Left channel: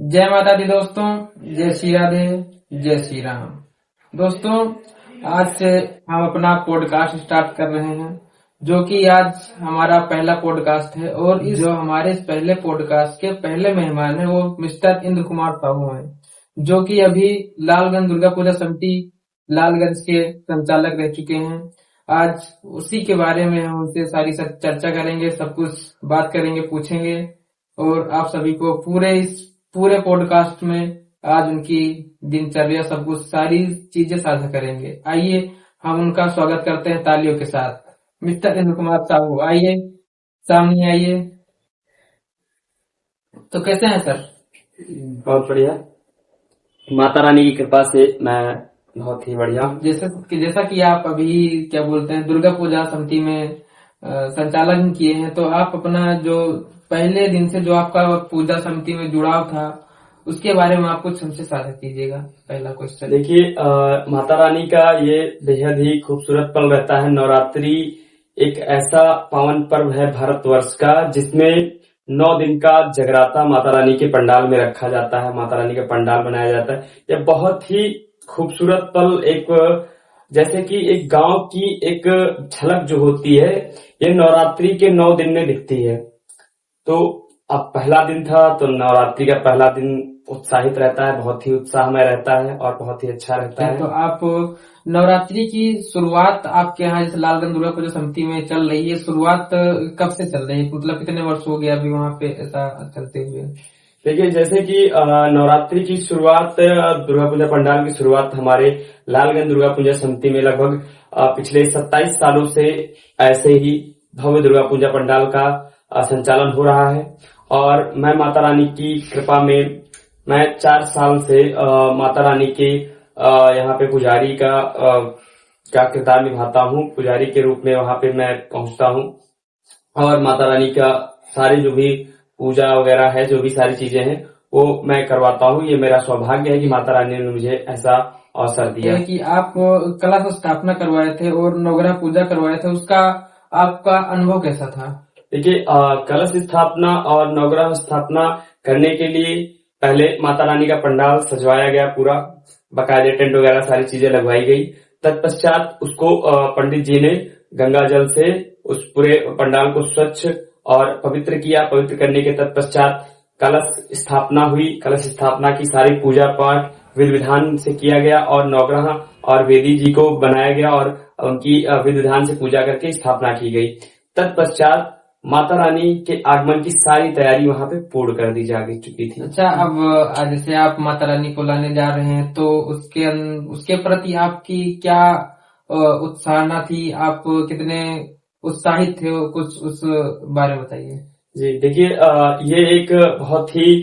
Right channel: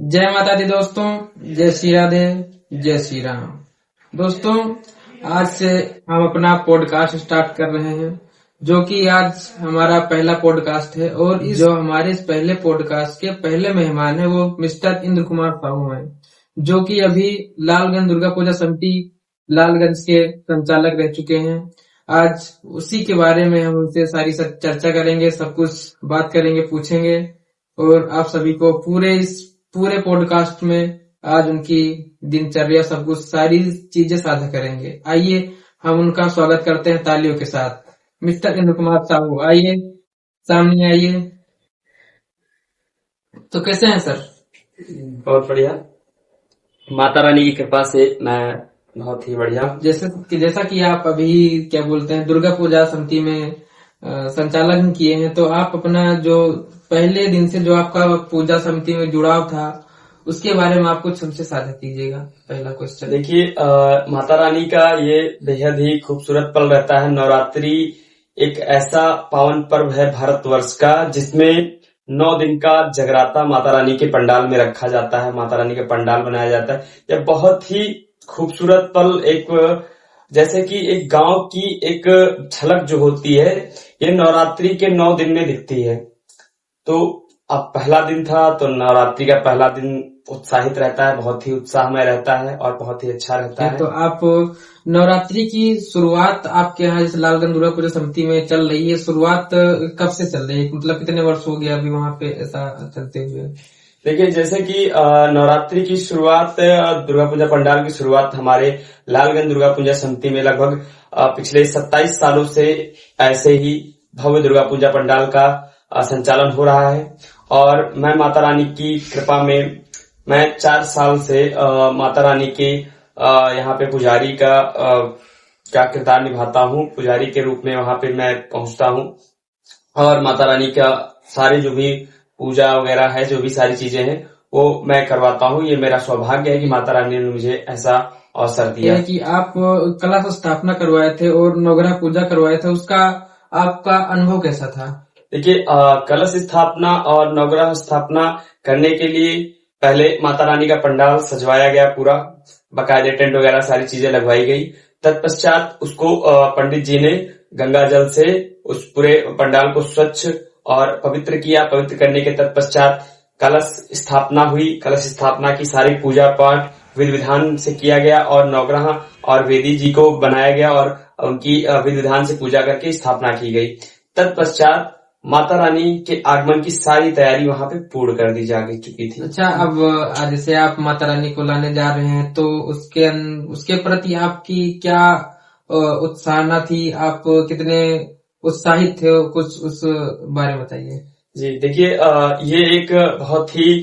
जय माता दी दोस्तों, जय श्री राधे, जय श्री राम। दोस्तों, आज से हम अपना पॉडकास्ट स्टार्ट कर रहे हैं, जो कि आज हमारा पहला पॉडकास्ट है। और जो हमारे इस पहले पॉडकास्ट के पहले मेहमान है वो मिस्टर इंद्र कुमार साहू हैं, जो कि अभी लालगंज दुर्गा पूजा समिति लालगंज के संचालक रह चुके हैं। आज उसी के बारे में हम उनसे सारी चर्चा करेंगे, सब कुछ बात करेंगे, पूछेंगे और आप सभी को पूरे पॉडकास्ट में आज उनकी दिनचर्या सब कुछ सारी चीजें साझा करेंगे। आइए हम उनका स्वागत करते हैं तालियों के साथ। मिस्टर इंद्र कुमार साहू, आइए सामने आइए। तो कैसे हैं सर? बहुत बढ़िया, माता रानी की कृपा से मैं बहुत ही बढ़िया। जैसा कि आप अभी क्या बोलते हैं दुर्गा पूजा समिति में संचालन किए हैं, तो आप अपना जो पहले दिन से जो आपका पूजा समिति में जुड़ाव था उसके बारे में आप कुछ हमसे साझा कीजिएगा। पहला क्वेश्चन। देखिए, माता रानी का ये बेहद ही खूबसूरत पल रहता है। नवरात्रि एक ऐसा पावन पर्व है भारतवर्ष का, जिसमें 9 दिन का जगराता माता रानी के पंडाल में रखा जाता है, माता रानी का पंडाल बनाया जाता है। यह बहुत ही खूबसूरत पल, एक जैसे कि एक गांव की एक झलक जो होती है, ये नवरात्रि के 9 दिन में दिखती है। तो अब पहला दिन था, तो नवरात्रि का पहला दिन उत्साहित रहता है, बहुत ही उत्साहमय रहता है और बहुत ही अच्छा रहता है। तो आप नवरात्रि की शुरुआत आपके यहाँ जैसे लालगंज दुर्गा पूजा समिति में चल रही है, शुरुआत कब से चल रही है? मतलब कितने वर्ष हो गया अभी वहाँ पे ऐसा चलते हुए? देखिए, जैसे कि नवरात्रि की शुरुआत, दुर्गा पूजा पंडाल की शुरुआत हमारे लालगंज दुर्गा पूजा समिति में लगभग पिछले 27 सालों से ऐसे ही भव्य दुर्गा पूजा पंडाल का संचालन हो रहा है। और मैं माता रानी की कृपा में मैं 4 साल से माता रानी के यहाँ पे पुजारी का किरदार निभाता हूँ। पुजारी के रूप में वहां पे मैं पहुंचता हूँ और माता रानी का सारे जो भी पूजा वगैरह है, जो भी सारी चीजें हैं, वो मैं करवाता हूँ। ये मेरा सौभाग्य है कि माता रानी ने मुझे ऐसा अवसर दिया। कि आप कलश स्थापना करवाए थे और नवग्रह पूजा करवाए थे, उसका आपका अनुभव कैसा था? देखिए, कलश स्थापना और नवग्रह स्थापना करने के लिए पहले माता रानी का पंडाल सजवाया गया, पूरा बकायदे टेंट वगैरह सारी चीजें लगवाई गई। तत्पश्चात उसको पंडित जी ने गंगा जल से उस पूरे पंडाल को स्वच्छ और पवित्र किया। पवित्र करने के तत्पश्चात कलश स्थापना हुई। कलश स्थापना की सारी पूजा पाठ विधि विधान से किया गया और नवग्रह और वेदी जी को बनाया गया और उनकी विधि विधान से पूजा करके स्थापना की गई। तत्पश्चात माता रानी के आगमन की सारी तैयारी वहां पे पूर्ण कर दी जा चुकी थी। अच्छा, अब जैसे आप माता रानी को लाने जा रहे हैं, तो उसके प्रति आपकी क्या उत्साहना थी? आप कितने उत्साहित थे? कुछ उस बारे में बताइए। जी देखिए, ये एक बहुत ही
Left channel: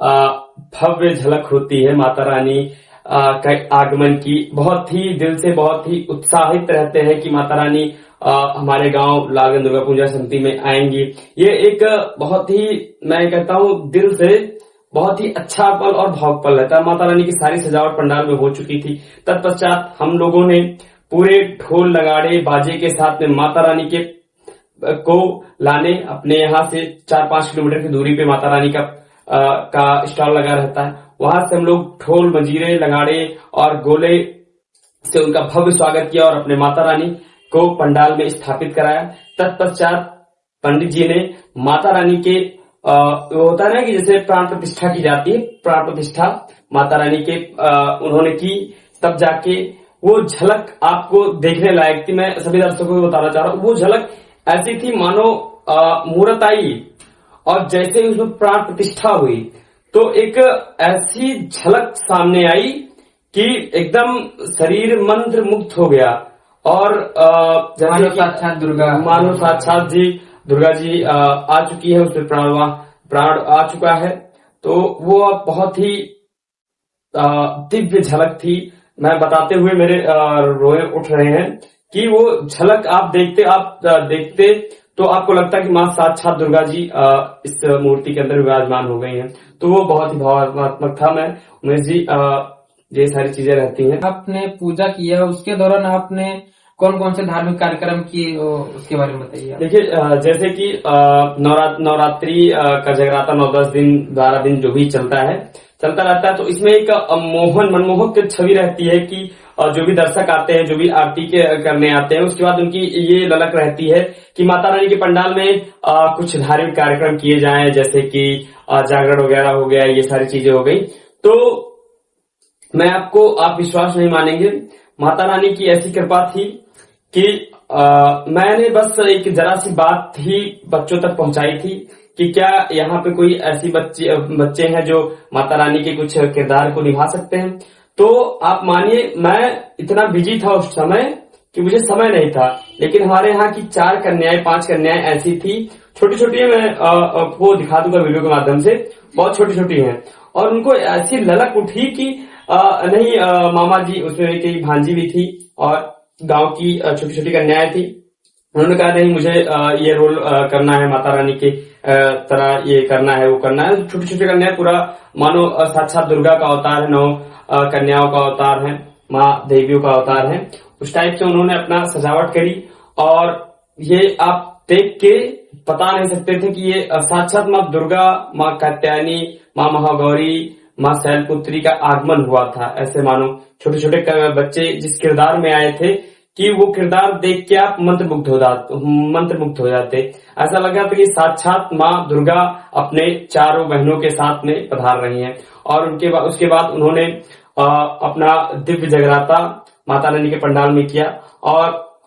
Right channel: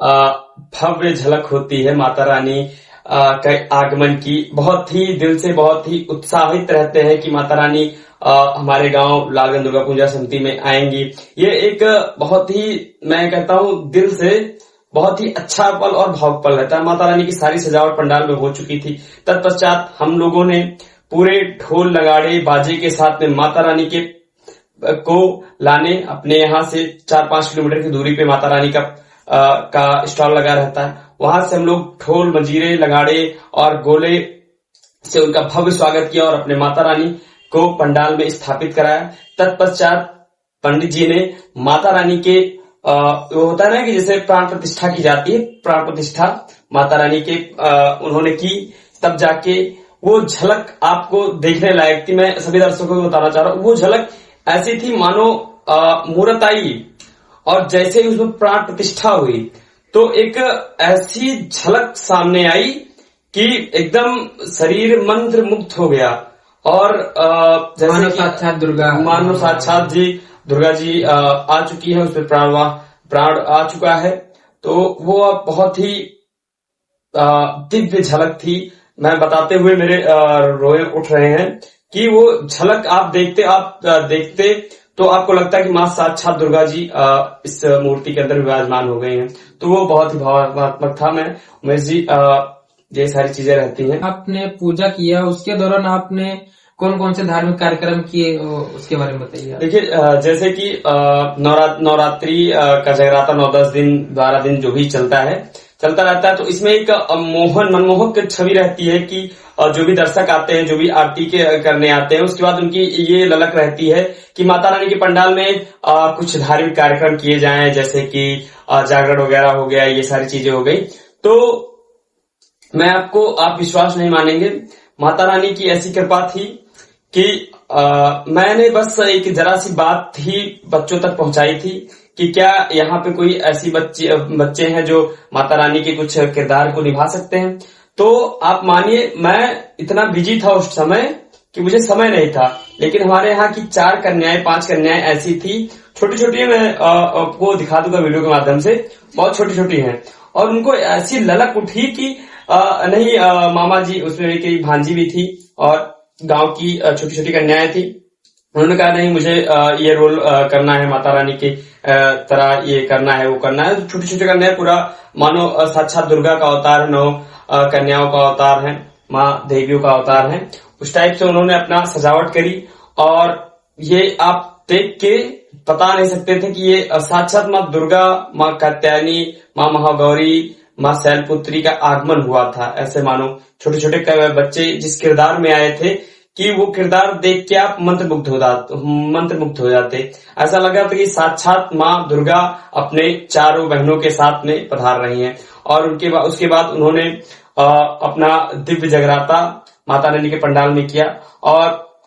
भव्य झलक होती है माता रानी का आगमन की। बहुत ही दिल से बहुत ही उत्साहित रहते हैं कि माता रानी हमारे गांव लालगंज दुर्गा पूजा समिति में आएंगी। ये एक बहुत ही, मैं कहता हूँ दिल से बहुत ही अच्छा पल और भावुक पल रहता है। माता रानी की सारी सजावट पंडाल में हो चुकी थी। तत्पश्चात हम लोगों ने पूरे ढोल नगाड़े बाजे के साथ में माता रानी के को लाने, अपने यहाँ से 4-5 किलोमीटर की दूरी पे माता रानी का स्टॉल लगा रहता है। वहां से हम लोग ढोल मंजीरे लगाड़े और गोले से उनका भव्य स्वागत किया और अपने माता रानी को पंडाल में स्थापित कराया। तत्पश्चात पंडित जी ने माता रानी के वो होता है ना कि जैसे प्राण प्रतिष्ठा की जाती है, प्राण प्रतिष्ठा माता रानी के उन्होंने की। तब जाके वो झलक आपको देखने लायक थी। मैं सभी दर्शकों को बताना चाह रहा हूँ, वो झलक ऐसी थी मानो मूर्त आई और जैसे ही उसमें प्राण प्रतिष्ठा हुई तो एक ऐसी झलक सामने आई कि एकदम शरीर मंत्र मुक्त हो गया और जैसे साक्षात मानो साक्षात जी दुर्गा जी आ चुकी है, उसमें प्राण आ चुका है। तो वो बहुत ही दिव्य झलक थी। मैं बताते हुए मेरे रोए उठ रहे हैं कि वो झलक आप देखते तो आपको लगता है कि मां साक्षात दुर्गा जी इस मूर्ति के अंदर विराजमान हो गई हैं। तो वो बहुत ही भावनात्मक था। मैं उमेश जी, ये सारी चीजें रहती हैं। आपने पूजा किया, उसके दौरान आपने कौन कौन से धार्मिक कार्यक्रम किए, उसके बारे में बताइए। देखिए, जैसे कि नवरात्रि का जगराता 9-10 दिन 12 दिन जो भी चलता है, चलता रहता है। तो इसमें एक मनमोहक छवि रहती है कि जो भी दर्शक आते हैं, जो भी आरती के करने आते हैं, उसके बाद उनकी ये ललक रहती है कि माता रानी के पंडाल में कुछ धार्मिक कार्यक्रम किए जाएं, जैसे कि जागरण वगैरह हो गया, ये सारी चीजें हो गई। तो मैं आपको, आप विश्वास नहीं मानेंगे, माता रानी की ऐसी कृपा थी कि मैंने बस एक जरा सी बात ही बच्चों तक पहुंचाई थी कि क्या यहाँ पे कोई ऐसी बच्चे हैं जो माता रानी के कुछ किरदार को निभा सकते हैं। तो आप मानिए, मैं इतना बिजी था उस समय कि मुझे समय नहीं था, लेकिन हमारे यहाँ की 4 कन्याएं 5 कन्याएं ऐसी थी, छोटी छोटी, मैं आपको दिखा दूंगा वीडियो के माध्यम से, बहुत छोटी छोटी हैं, और उनको ऐसी ललक उठी कि नहीं, मामा जी, उसमें एक भांजी भी थी और गांव की छोटी छोटी कन्याएं थी। उन्होंने कहा नहीं, मुझे ये रोल करना है, माता रानी के तरह ये करना है, वो करना है। छोटी छोटी कन्याएं पूरा मानो साक्षात दुर्गा का अवतार है, 9 कन्याओं का अवतार है, माँ देवियों का अवतार है। उस टाइप से उन्होंने अपना सजावट करी, और ये आप देख के बता नहीं सकते थे कि ये साक्षात माँ दुर्गा, माँ कात्यायनी, माँ महागौरी, माँ शैलपुत्री का आगमन हुआ था। ऐसे मानो छोटे छोटे बच्चे जिस किरदार में आए थे कि वो किरदार देख के आप मंत्रमुग्ध हो जाते। ऐसा लगा था कि साक्षात माँ दुर्गा अपने चारों बहनों के साथ में पधार रही हैं। और उसके बाद उन्होंने अपना दिव्य जगराता माता रानी के पंडाल में किया, और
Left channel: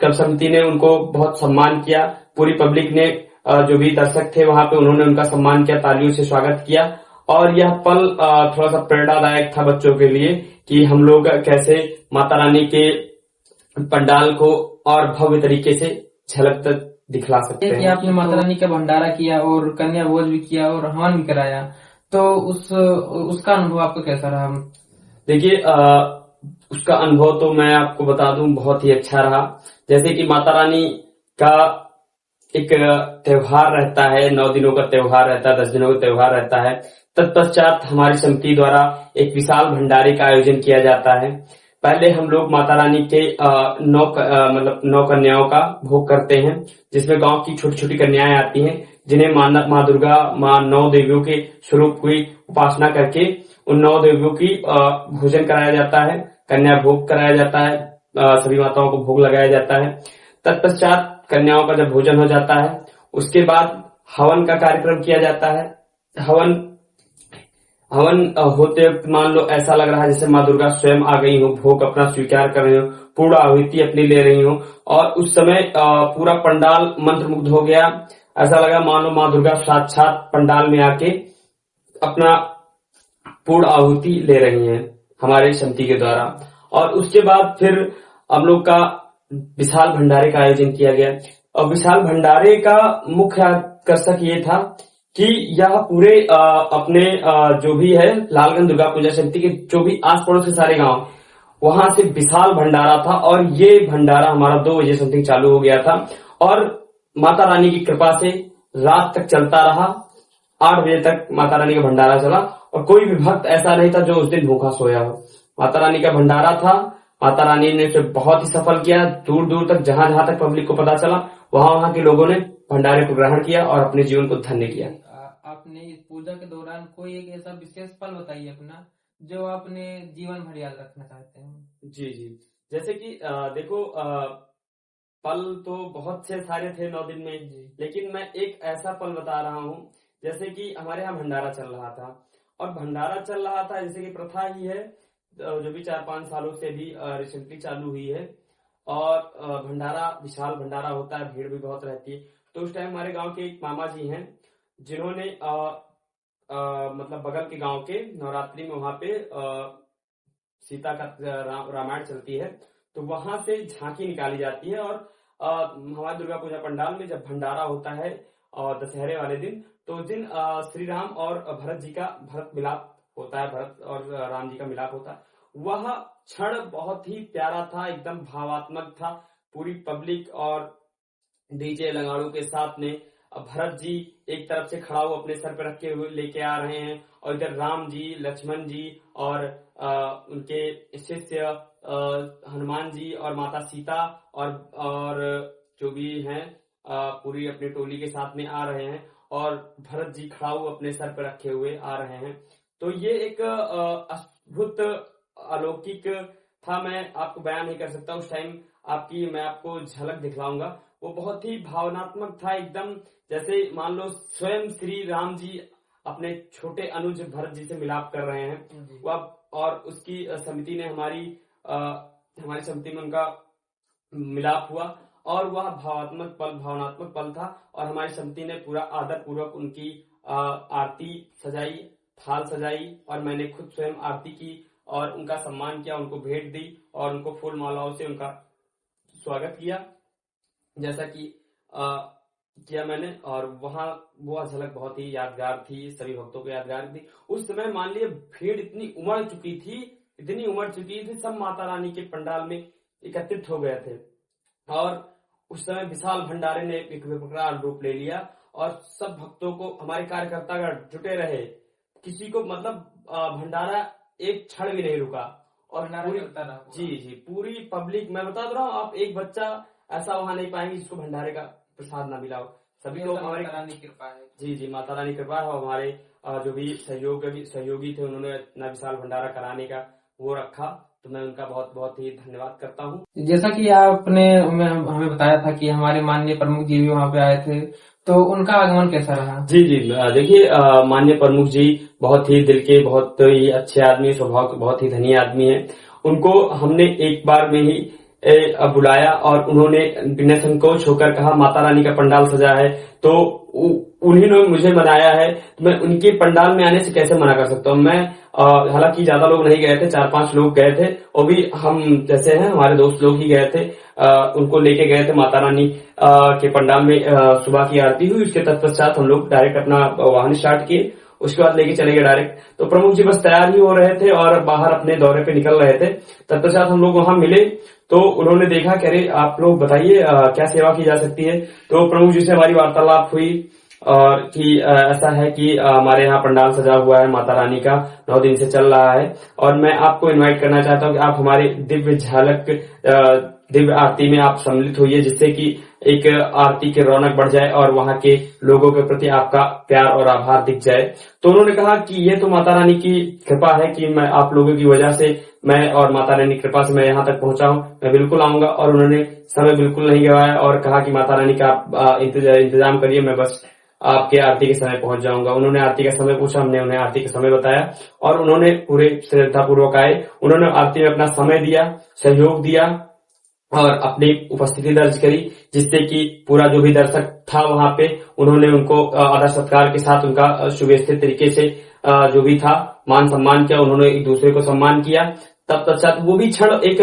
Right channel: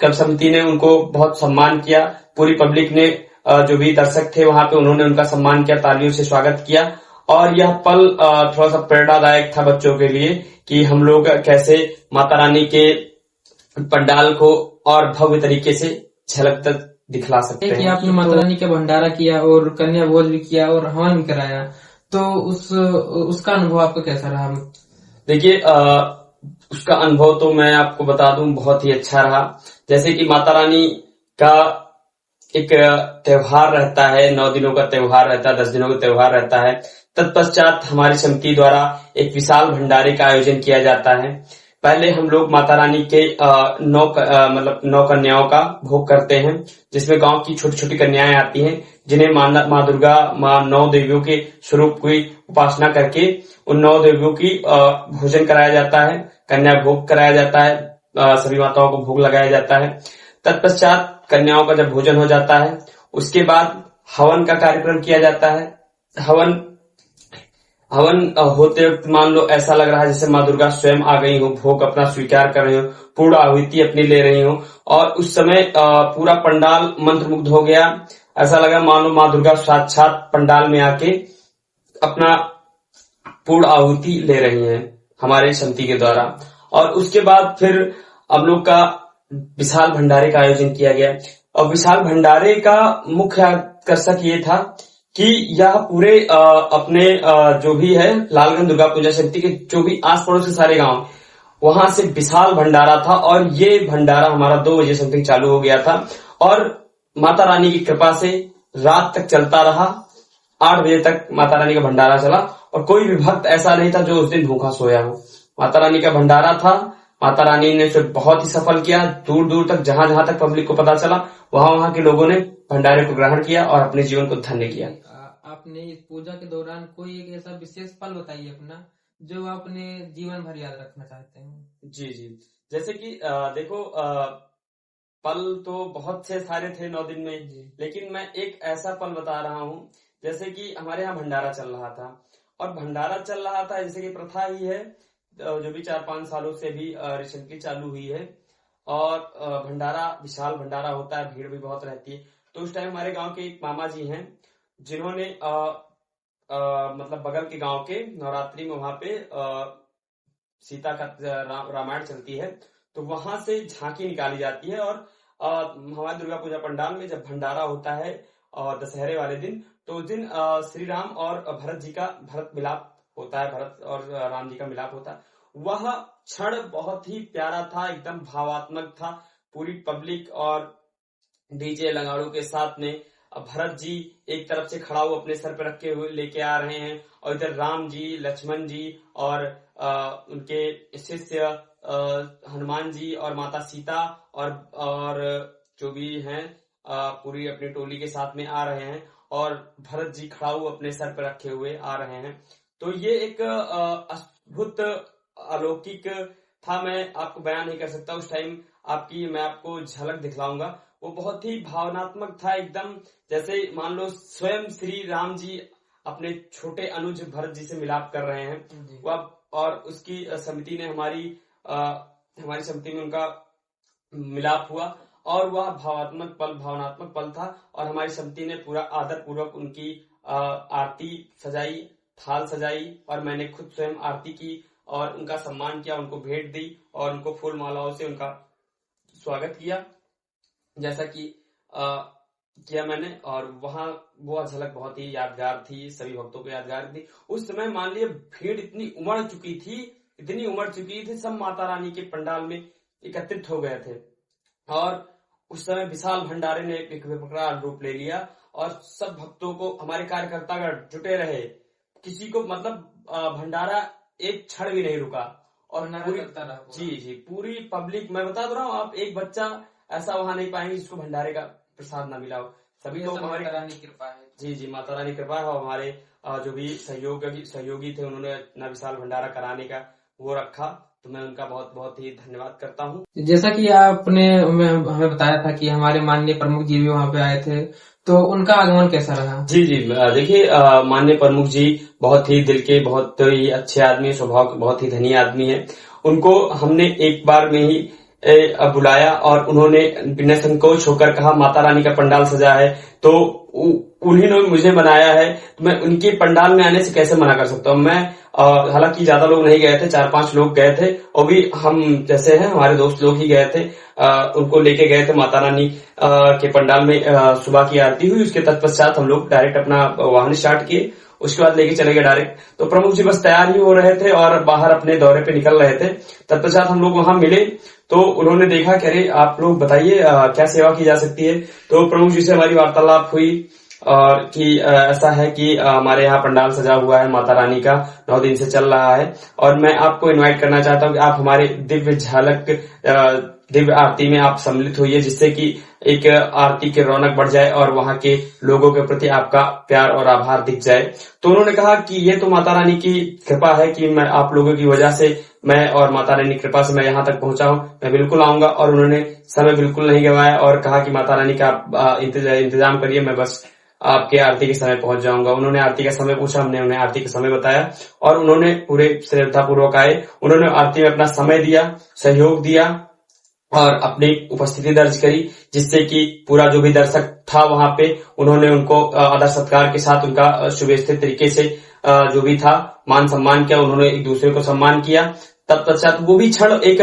कब समिति ने उनको बहुत सम्मान किया। पूरी पब्लिक ने, जो भी दर्शक थे वहां पे, उन्होंने उनका सम्मान किया, तालियों से स्वागत किया। और यह पल थोड़ा सा प्रेरणादायक था बच्चों के लिए कि हम लोग कैसे माता रानी के पंडाल को और भव्य तरीके से झलक तक दिखला सकते कि हैं। आपने माता रानी का भंडारा किया और कन्या भोज भी किया और हवन भी कराया, तो उसका अनुभव आपका कैसा रहा? देखिए, उसका अनुभव तो मैं आपको बता दूं, बहुत ही अच्छा रहा। जैसे कि माता रानी का एक त्योहार रहता है, 9 दिनों का त्योहार रहता है, 10 दिनों का त्योहार रहता है। तत्पश्चात हमारी समिति द्वारा एक विशाल भंडारे का आयोजन किया जाता है। पहले हम लोग माता रानी के 9 कन्याओं का भोग करते हैं, जिसमें गांव की छोटी छोटी कन्याएं आती हैं, जिन्हें माँ दुर्गा, माँ 9 देवियों के स्वरूप की उपासना करके उन 9 देवियों की भोजन कराया जाता है, कन्या भोग कराया जाता है, सभी माताओं को भोग लगाया जाता है। तत्पश्चात कन्याओं का जब भोजन हो जाता है, उसके बाद हवन का कार्यक्रम किया जाता है। हवन होते वक्त मान लो ऐसा लग रहा है जैसे माँ दुर्गा स्वयं आ गई हो, भोग अपना स्वीकार कर रही हो, पूर्ण आहुति अपनी ले रही हो, और उस समय पूरा पंडाल मंत्रमुग्ध हो गया। ऐसा लगा मानो माँ दुर्गा साक्षात पंडाल में आके अपना पूर्ण आहुति ले रही हैं हमारे समिति के द्वारा। और उसके बाद फिर हम लोग का विशाल भंडारे का आयोजन किया गया। और विशाल भंडारे का मुख्य आकर्षक ये था कि यह पूरे अपने जो भी है लालगंज दुर्गा पूजा समिति के जो भी आस पड़ोस के सारे गांव, वहां से विशाल भंडारा था। और ये भंडारा हमारा 2 बजे समथिंग चालू हो गया था, और माता रानी की कृपा से रात तक चलता रहा। 8 बजे तक माता रानी का भंडारा चला, और कोई भी भक्त ऐसा नहीं था जो उस दिन भूखा सोया हो। माता रानी का भंडारा था, माता रानी ने उसे बहुत ही सफल किया। दूर दूर तक, जहां जहां तक पब्लिक को पता चला, वहां वहां के लोगों ने भंडारे को ग्रहण किया और अपने जीवन को धन्य किया। आपने इस पूजा के दौरान कोई एक ऐसा विशेष पल बताइए अपना, जो आपने जीवन भर याद रखना चाहते हैं। जी जी, जैसे कि देखो, पल तो बहुत से सारे थे 9 दिन में, लेकिन मैं एक ऐसा पल बता रहा हूँ। जैसे कि हमारे यहाँ भंडारा चल रहा था, और भंडारा चल रहा था जैसे कि प्रथा ही है, जो भी 4-5 सालों से भी रिसेंटली चालू हुई है। और भंडारा, विशाल भंडारा होता है, भीड़ भी बहुत रहती है। तो उस टाइम हमारे गांव के एक मामा जी हैं, जिन्होंने मतलब बगल के गांव के नवरात्रि में वहां पे सीता का रामायण चलती है, तो वहां से झांकी निकाली जाती है। और हमारे दुर्गा पूजा पंडाल में जब भंडारा होता है और दशहरे वाले दिन, तो उस दिन श्री राम और भरत मिलाप होता है, भरत और राम जी का मिलाप होता है। वह क्षण बहुत ही प्यारा था, एकदम भावात्मक था। पूरी पब्लिक और डीजे लगाड़ू के साथ में भरत जी एक तरफ से खड़ा हुआ अपने सर पर रखे हुए लेके आ रहे हैं, और इधर राम जी, लक्ष्मण जी और उनके शिष्य हनुमान जी और माता सीता और जो भी हैं पूरी अपनी टोली के साथ में आ रहे हैं, और भरत जी खड़ा हुआ अपने सर पर रखे हुए आ रहे हैं। तो ये एक अद्भुत अलौकिक था, मैं आपको बयान नहीं कर सकता। उस टाइम आपकी मैं आपको झलक दिखलाऊंगा, वो बहुत ही भावनात्मक था एकदम। जैसे मान लो स्वयं श्री राम जी अपने छोटे अनुज भरत जी से मिलाप कर रहे हैं वह, और उसकी समिति ने हमारी समिति में उनका मिलाप हुआ, और वह भावनात्मक पल था। और हमारी समिति ने पूरा आदर पूर्वक उनकी आरती सजाई, थाल सजाई, और मैंने खुद स्वयं आरती की और उनका सम्मान किया, उनको भेंट दी और उनको फूल मालाओं से उनका स्वागत किया, जैसा कि किया मैंने। और वहां वो झलक बहुत ही यादगार थी, सभी भक्तों को यादगार थी। उस समय मान लिया भीड़ इतनी उमड़ चुकी थी, सब माता रानी के पंडाल में एकत्रित हो गए थे, और उस समय विशाल भंडारे ने एक विकराल रूप ले लिया, और सब भक्तों को, हमारे कार्यकर्ता जुटे रहे, किसी को मतलब भंडारा एक क्षण भी नहीं रुका, और पूरी पब्लिक, मैं बता दे रहा हूँ, आप एक बच्चा ऐसा वहां नहीं पाएंगे जिसको भंडारे का प्रसाद ना मिला हो। सभी लोग हमारी माता रानी कृपा है। जी, माता रानी कृपा है। और हमारे जो भी सहयोगी थे, उन्होंने इतना विशाल भंडारा कराने का वो रखा, तो मैं उनका बहुत बहुत ही धन्यवाद करता हूँ। जैसा कि आपने हमें बताया था कि हमारे माननीय प्रमुख जी भी वहाँ पे आए थे, तो उनका आगमन कैसा रहा? जी, देखिए, माननीय प्रमुख जी बहुत ही दिल के, बहुत ही अच्छे आदमी, स्वभाव के बहुत ही धनी आदमी है। उनको हमने एक बार में ही बुलाया, और उन्होंने बिना संकोच होकर कहा माता रानी का पंडाल सजा है, तो उन्हीं ने मुझे बनाया है, तो मैं उनके पंडाल में आने से कैसे मना कर सकता हूँ। मैं हालांकि ज्यादा लोग नहीं गए थे, 4-5 लोग गए थे, और भी हम जैसे हैं हमारे दोस्त लोग ही गए थे। उनको लेके गए थे माता रानी के पंडाल में। सुबह की आरती हुई, उसके तत्पश्चात हम लोग डायरेक्ट अपना वाहन स्टार्ट किए, उसके बाद लेके चले गए डायरेक्ट। तो प्रमुख जी बस तैयार ही हो रहे थे और बाहर अपने दौरे पे निकल रहे थे। तत्पश्चात हम लोग वहां मिले, तो उन्होंने देखा कि अरे आप लोग बताइए क्या सेवा की जा सकती है। तो प्रमुख जी से हमारी वार्तालाप हुई, और कि ऐसा है कि हमारे यहाँ पंडाल सजा हुआ है माता रानी का, 9 दिन से चल रहा है, और मैं आपको इनवाइट करना चाहता हूँ कि आप हमारे दिव्य आरती में आप सम्मिलित होइए, जिससे कि एक आरती की रौनक बढ़ जाए और वहां के लोगों के प्रति आपका प्यार और आभार दिख जाए। तो उन्होंने कहा कि ये तो माता रानी की कृपा है कि मैं आप लोगों की वजह से, मैं और माता रानी की कृपा से मैं यहाँ तक पहुंचा हूँ, मैं बिल्कुल आऊंगा। और उन्होंने समय बिल्कुल नहीं गवाया और कहा कि माता रानी का आप इंतजाम करिए, मैं बस आपके आरती के समय पहुंच जाऊंगा। उन्होंने आरती का समय पूछा, हमने उन्हें आरती का समय बताया, और उन्होंने पूरे श्रद्धा पूर्वक आए। उन्होंने आरती में अपना समय दिया, सहयोग दिया, और अपनी उपस्थिति दर्ज करी, जिससे कि पूरा जो भी दर्शक था वहां पे, उन्होंने उनको आदर सत्कार के साथ उनका सुव्यवस्थित तरीके से जो भी था मान सम्मान किया, उन्होंने एक दूसरे को सम्मान किया। तत्पश्चात वो भी क्षण एक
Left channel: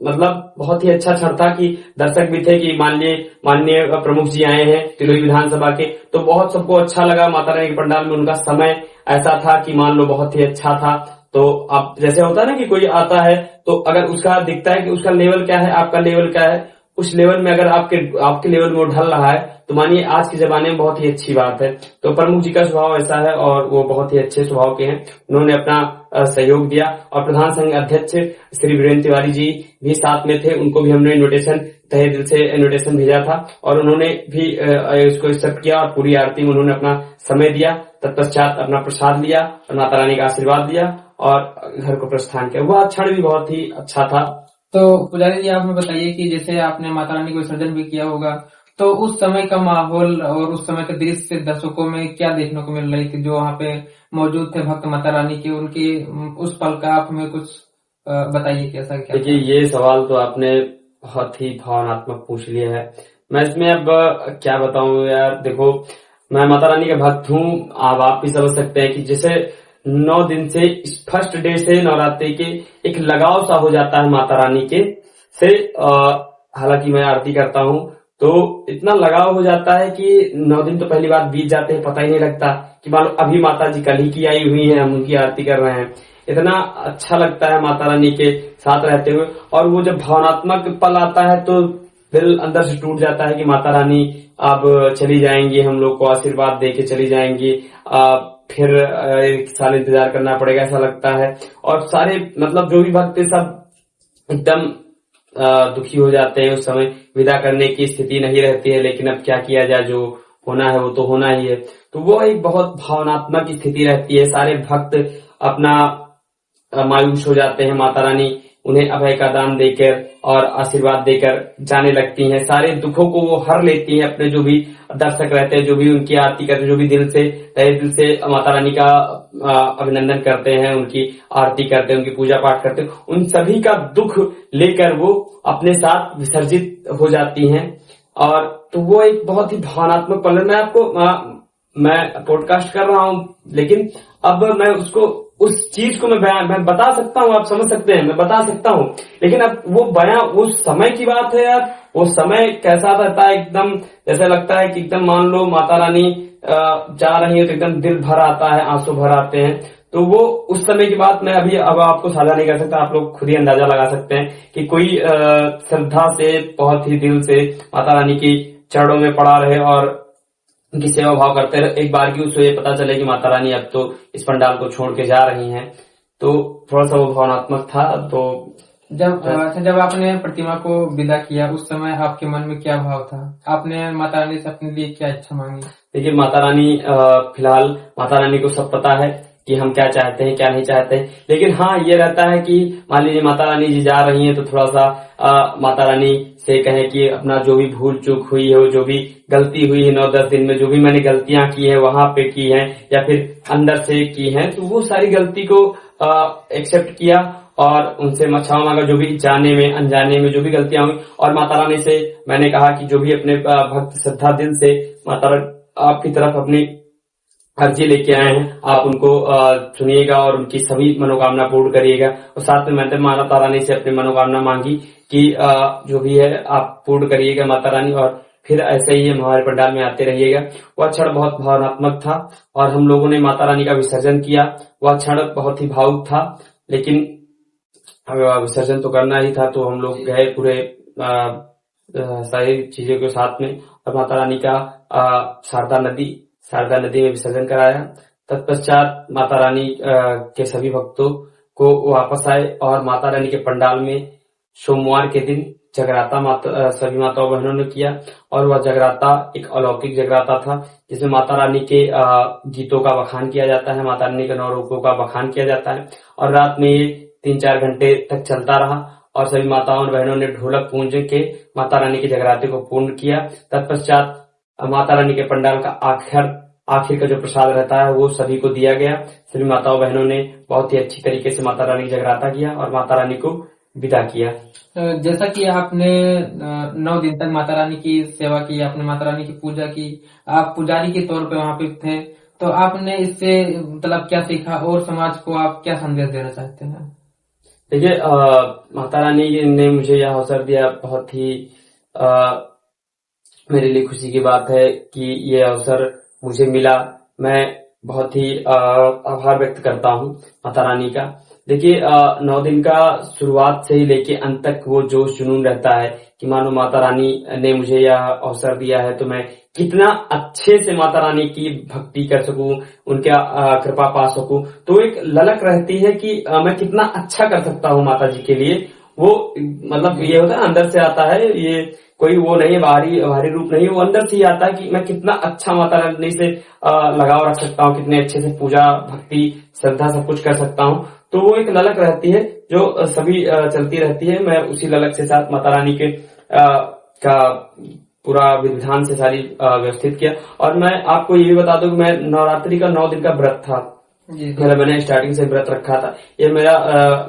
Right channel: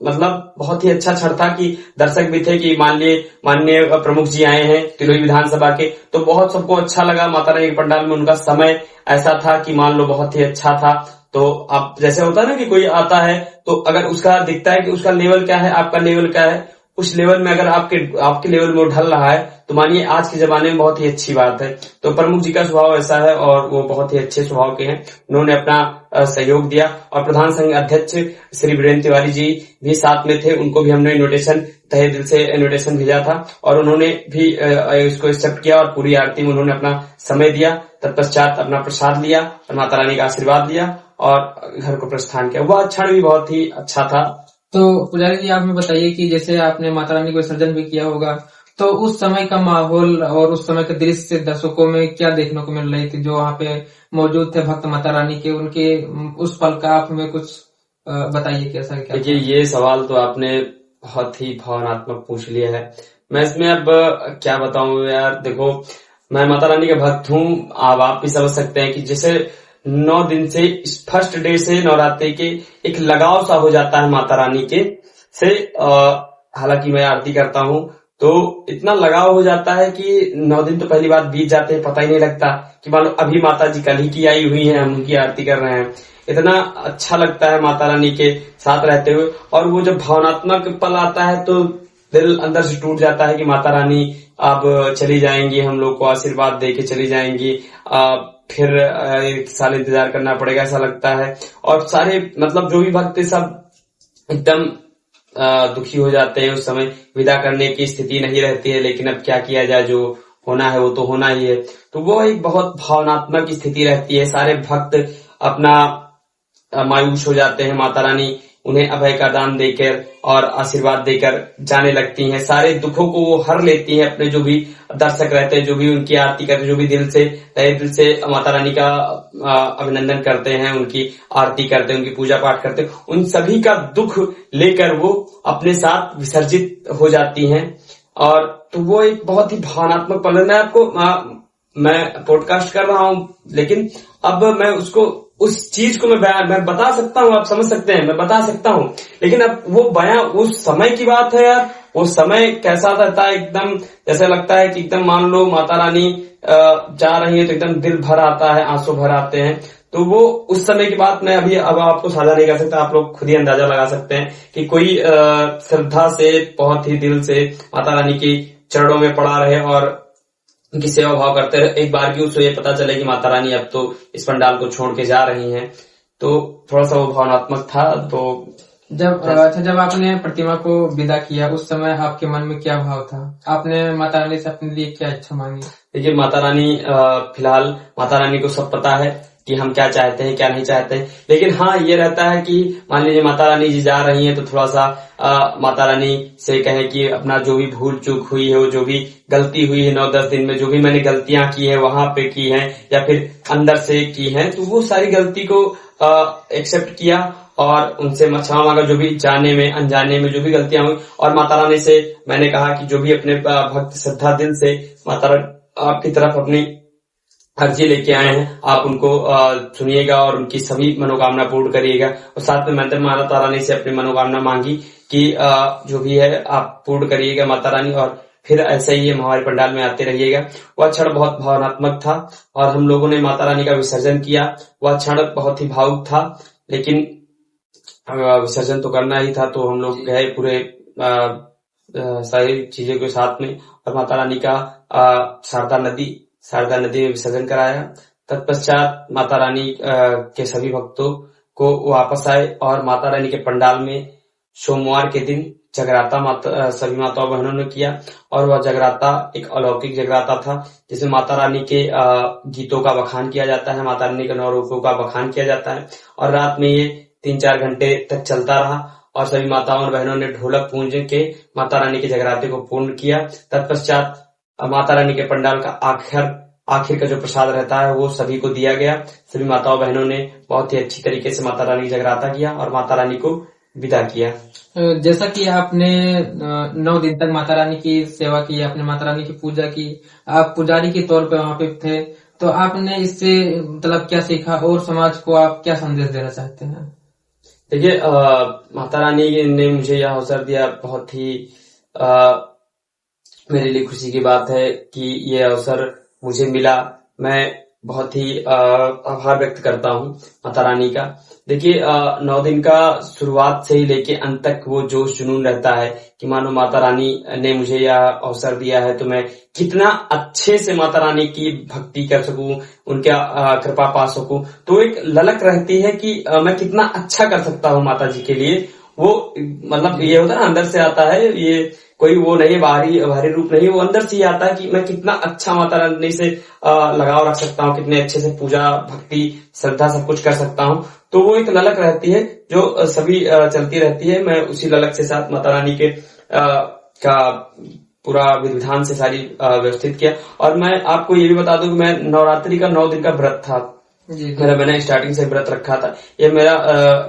मतलब बहुत ही अच्छा क्षण था कि दर्शक भी थे कि माननीय प्रमुख जी आए हैं तिलोई विधानसभा के, तो बहुत सबको अच्छा लगा। माता रानी के पंडाल में उनका समय ऐसा था कि मान लो बहुत ही अच्छा था। तो आप जैसे होता है ना कि कोई आता है, तो अगर उसका दिखता है कि उसका लेवल क्या है, आपका लेवल क्या है, उस लेवल में अगर आपके लेवल में वो ढल रहा है, तो मानिए आज के जमाने में बहुत ही अच्छी बात है। तो प्रमुख जी का स्वभाव ऐसा है, और वो बहुत ही अच्छे स्वभाव के हैं। उन्होंने अपना सहयोग दिया, और प्रधान संघ अध्यक्ष श्री वीरेंद्र तिवारी जी भी साथ में थे, उनको भी हमने इन्विटेशन, तहे दिल से इन्विटेशन भेजा था, और उन्होंने भी इसको एक्सेप्ट किया, और पूरी आरती में उन्होंने अपना समय दिया। तत्पश्चात अपना प्रसाद लिया और माता रानी का आशीर्वाद लिया, और घर को प्रस्थान किया। वह क्षण भी बहुत ही अच्छा था। तो पुजारी जी, आप हमें बताइए कि जैसे आपने माता रानी को विसर्जन भी किया होगा, तो उस समय का माहौल और उस समय के दृश्य दर्शकों में क्या देखने को मिल रही थी, जो वहाँ पे मौजूद थे भक्त माता रानी के, उनके उस पल का आप हमें कुछ बताइए कैसा क्या? देखिए, ये सवाल तो आपने बहुत ही भावनात्मक पूछ लिया है। मैं इसमें अब क्या बताऊं यार। देखो, मैं माता रानी का भक्त हूँ, आप भी समझ सकते हैं कि जैसे 9 दिन से, फर्स्ट डे से नवरात्रि के एक लगाव सा हो जाता है माता रानी के से। हालांकि मैं आरती करता हूँ, तो इतना लगाव हो जाता है कि 9 दिन तो पहली बात बीत जाते हैं, पता ही नहीं लगता कि मान लो अभी माता जी कल ही की आई हुई है, हम उनकी आरती कर रहे हैं। इतना अच्छा लगता है माता रानी के साथ रहते हुए, और वो जब भावनात्मक पल आता है तो दिल अंदर से टूट जाता है कि माता रानी अब चली जाएंगी, हम लोग को आशीर्वाद दे के चली जाएंगी, फिर 1 साल इंतजार करना पड़ेगा, ऐसा लगता है। और सारे मतलब जो भी भक्त सब एकदम दुखी हो जाते हैं। उस समय विदा करने की स्थिति नहीं रहती है, लेकिन अब क्या किया जाए, जो होना है वो तो होना ही है। तो वो एक बहुत भावनात्मक स्थिति रहती है। सारे भक्त अपना मायूस हो जाते हैं, माता रानी उन्हें अभय का दान देकर और आशीर्वाद देकर जाने लगती हैं। सारे दुखों को वो हर लेती हैं। अपने जो भी दर्शक रहते हैं, जो भी उनकी आरती करते हैं, जो भी तहे दिल से माता रानी का अभिनंदन करते हैं, उनकी आरती करते हैं, उनकी पूजा पाठ करते हैं, उन सभी का दुख लेकर वो अपने साथ विसर्जित हो जाती हैं। और तो वो एक बहुत ही भावनात्मक पल है। मैं आपको मैं पॉडकास्ट कर रहा हूं, लेकिन अब मैं उसको उस चीज को मैं बता सकता हूँ, आप समझ सकते हैं, मैं बता सकता हूँ, लेकिन अब वो बयां उस समय की बात है यार। वो समय कैसा रहता है, एकदम जैसे लगता है कि एकदम मान लो माता रानी जा रही है तो एकदम दिल भर आता है, आंसू भर आते हैं। तो वो उस समय की बात मैं अभी अब आपको साझा नहीं कर सकता। आप लोग खुद ही अंदाजा लगा सकते हैं कि कोई श्रद्धा से बहुत ही दिल से माता रानी की चरणों में पड़ा रहे और उनकी सेवा भाव करते रहे। एक बार की उसको ये पता चले कि माता रानी अब तो इस पंडाल को छोड़ के जा रही हैं, तो थोड़ा सा वो भावनात्मक था। तो जब आपने प्रतिमा को विदा किया उस समय आपके मन में क्या भाव था? आपने माता रानी से अपने लिए क्या इच्छा मांगी? देखिए माता रानी फिलहाल माता रानी को सब पता है कि हम क्या चाहते हैं क्या नहीं चाहते हैं, लेकिन हाँ ये रहता है कि मान लीजिए माता रानी जी जा रही हैं तो थोड़ा सा माता रानी से कहें कि अपना जो भी भूल चूक हुई है, जो भी गलती हुई है 9-10 दिन में, जो भी मैंने गलतियां की है वहां पे की हैं या फिर अंदर से की हैं, तो वो सारी गलती को एक्सेप्ट किया और उनसे क्षमा मांगा, जो भी जाने में अनजाने में जो भी गलतियां हुई। और माता रानी से मैंने कहा कि जो भी अपने भक्त श्रद्धा दिल से माता आपकी तरफ अपनी अर्जी लेके आए हैं, आप उनको सुनिएगा और उनकी सभी मनोकामना पूर्ण करिएगा। और साथ में मैंने माता रानी से अपनी मनोकामना मांगी कि जो भी है आप पूर्ण करिएगा माता रानी, और फिर ऐसे ही हमारे पंडाल में आते रहिएगा। वह क्षण बहुत भावनात्मक था और हम लोगों ने माता रानी का विसर्जन किया। वह क्षण बहुत ही भावुक था, लेकिन विसर्जन तो करना ही था, तो हम लोग गए पूरे सारी चीजों के साथ में और माता रानी का शारदा नदी में विसर्जन कराया। तत्पश्चात माता रानी के सभी भक्तों को वापस आए और माता रानी के पंडाल में सोमवार के दिन जगराता सभी माताओं बहनों ने किया। और वह जगराता एक अलौकिक जगराता था, जिसमें माता रानी के गीतों का बखान किया जाता है, माता रानी के 9 रूपों का बखान किया जाता है। और रात में ये 3-4 घंटे तक चलता रहा और सभी माताओं और बहनों ने ढोलक पूंज के माता रानी के जगराते को पूर्ण किया। तत्पश्चात माता रानी के पंडाल का आखिर का जो प्रसाद रहता है वो सभी को दिया गया। सभी माताओं बहनों ने बहुत ही अच्छी तरीके से माता रानी की जगराता किया और माता रानी को विदा किया। जैसा कि आपने 9 दिन तक माता रानी की सेवा की, आपने माता रानी की पूजा की, आप पुजारी के तौर पे वहां पे थे, तो आपने इससे मतलब क्या सीखा और समाज को आप क्या संदेश देना चाहते हैं? देखिए माता रानी ने मुझे यह अवसर दिया, बहुत ही मेरे लिए खुशी की बात है कि ये अवसर मुझे मिला। मैं बहुत ही आभार व्यक्त करता हूँ माता रानी का। देखिए 9 दिन का शुरुआत से ही लेके अंत तक वो जोश जुनून रहता है कि मानो माता रानी ने मुझे यह अवसर दिया है तो मैं कितना अच्छे से माता रानी की भक्ति कर सकूं, उनका कृपा पा सकूं। तो एक ललक रहती है कि मैं कितना अच्छा कर सकता हूँ माता जी के लिए। वो मतलब ये होता है ना, अंदर से आता है, ये कोई वो नहीं, बाहरी रूप नहीं, वो अंदर से ही आता है कि मैं कितना अच्छा माता रानी से लगाव रख सकता हूँ, कितने अच्छे से पूजा भक्ति श्रद्धा सब कुछ कर सकता हूँ। तो वो एक ललक रहती है जो सभी चलती रहती है। मैं उसी ललक से साथ माता रानी के का पूरा विधान से सारी व्यवस्थित किया। और मैं आपको ये भी बता दूं कि मैं नवरात्रि का 9 दिन का व्रत था मैंने स्टार्टिंग से व्रत रखा था। ये मेरा